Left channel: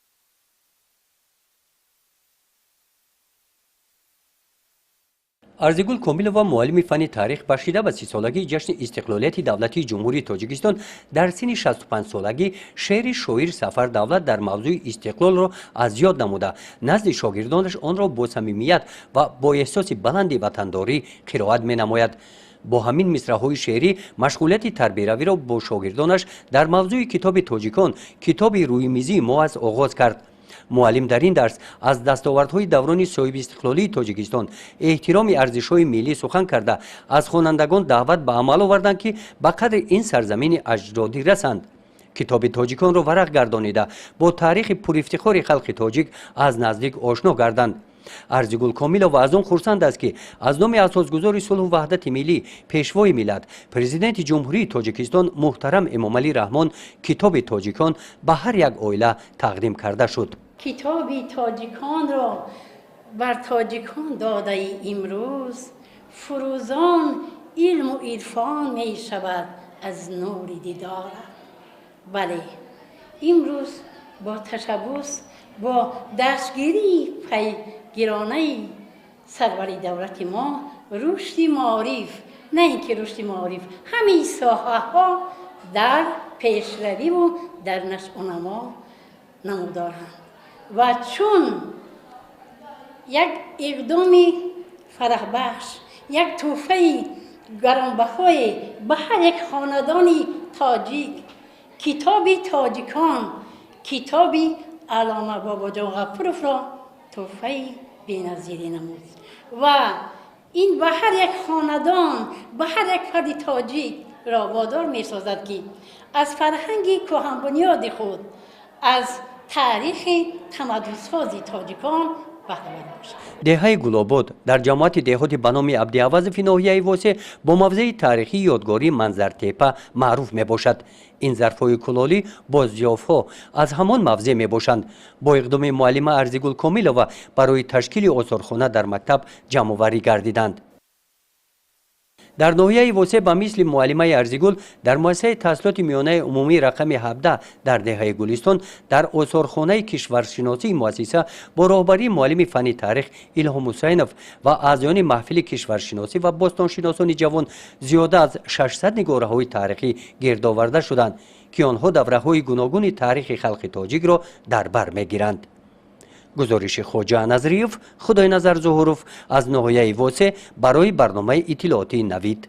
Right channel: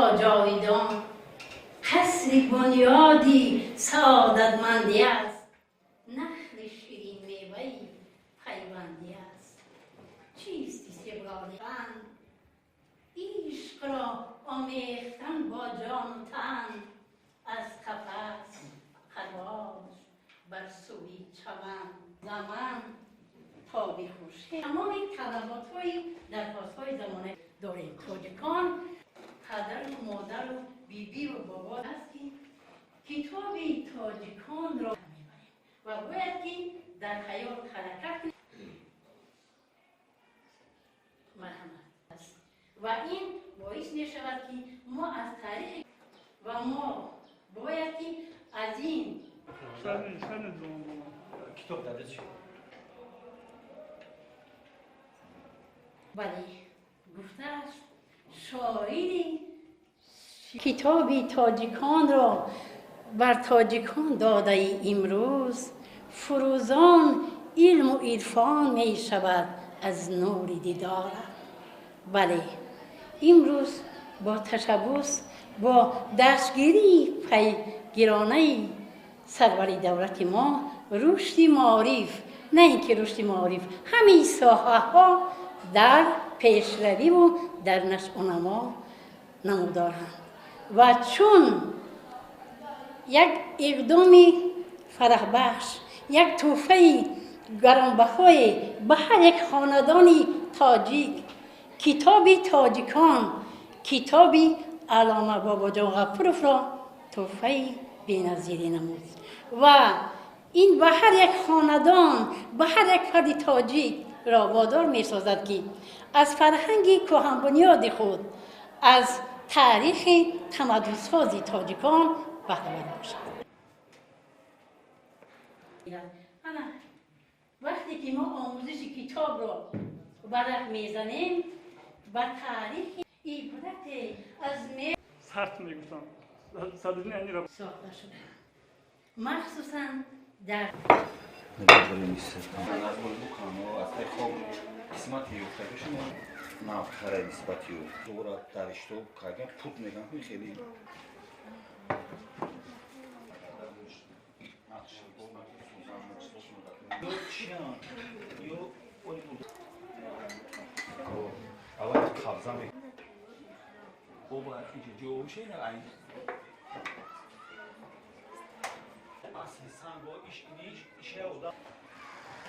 تا جاویدان قصری بنیادی سعادتمندی است. ارزگول کومیلووا معلم فنی تاریخ بخشیده به 30 سالگی جشن استقلالیت دولتی جمهوری تاجیکستان در سن 65 سالگی شعر شاعر سفر دولت در موضوع استقلال را از یاد نموده نزد شاگردانش آن را با صمیمیت و با احساس بلند وطنداری قرائت می‌نماید. با همین مصرع‌های شعری مشغولیت تربیتی را با شاگردانش در موضوع کتاب تاجیکان کتاب روی میزی موعظ آغاز کرد. معلم در این درس از دستاوردهای دوران صاحب استقلالی تاجیکستان احترام ارزش‌های ملی سخن کرده از خوانندگان دعوت به عمل آوردند که به قدر این سرزمین اجدادی رسند. کتاب تاجیکان را ورق گردانیده با تاریخ پرافتخار خلق تاجیک از نزدیک آشنا گردند. ارزگول کومیلووا از آن خرسند است که از نام اساسگذار صلح و وحدت ملی پیشوای ملت پرزیدنت جمهوری تاجیکستان محترم امامعلی رحمان کتاب تاجیکان به هر یک عائله تقدیم کرده شد. کتاب تاجیکان را بر تاجیکان داده امروز فروزان علم و عرفان می شود از نور دیدار. بله امروز با تشبث با دستگیری پیگیرانه سروری دولت ما رشد معارف نه اینکه رشد معارف همین ساحه ها در پیشروی و در نشأ و نما نمودارند و چون یک اقدام فرح بخش یک تحفه گرانبهای به هر یک خاندانی تاجیک کتاب تاجیکان کتاب علامه باباجان غفورов را تحفه بی‌نظیری نمود و این به هر یک خاندان به هر یک فرد تاجیک را وادار می سازد که از فرهنگ کهن بنیاد خود از تاریخ تمدن‌سازی تاجیکان بهره‌مند باشد. دهه گلاباد در جماعت دهاتی به نام عبدالعوض فی ناحیه واسه با موضع تاریخی یادگاری منظر تپه معروف می باشد. این ظرف‌های کلالی با ضیاف‌ها از همان موضع می باشند. با اقدام معلمه ارزگول کومیلووا برای تشکیل آثارخانه در مکتب جمع‌آوری گردیدند. در ناحیه واسه به مثل معلمه ارزگول در مؤسسه تحصیلات میانه عمومی رقم 17 در دهه گلستان در آثارخانه کشورشناسی مؤسسه با راهبری معلم فنی تاریخ الهام حسینوف و اعضایان محفل کشورشناسی و باستانشناسان جوان زیاده از 600 نگاره‌های تاریخی گرد آورده شدند که آنها دوره‌های گوناگون تاریخ خلق تاجیک را در بر می‌گیرند. گزارش خواجه نظریف خدای نظر ظهوروف از ناحیه واسه برای برنامه اطلاعاتی نوید.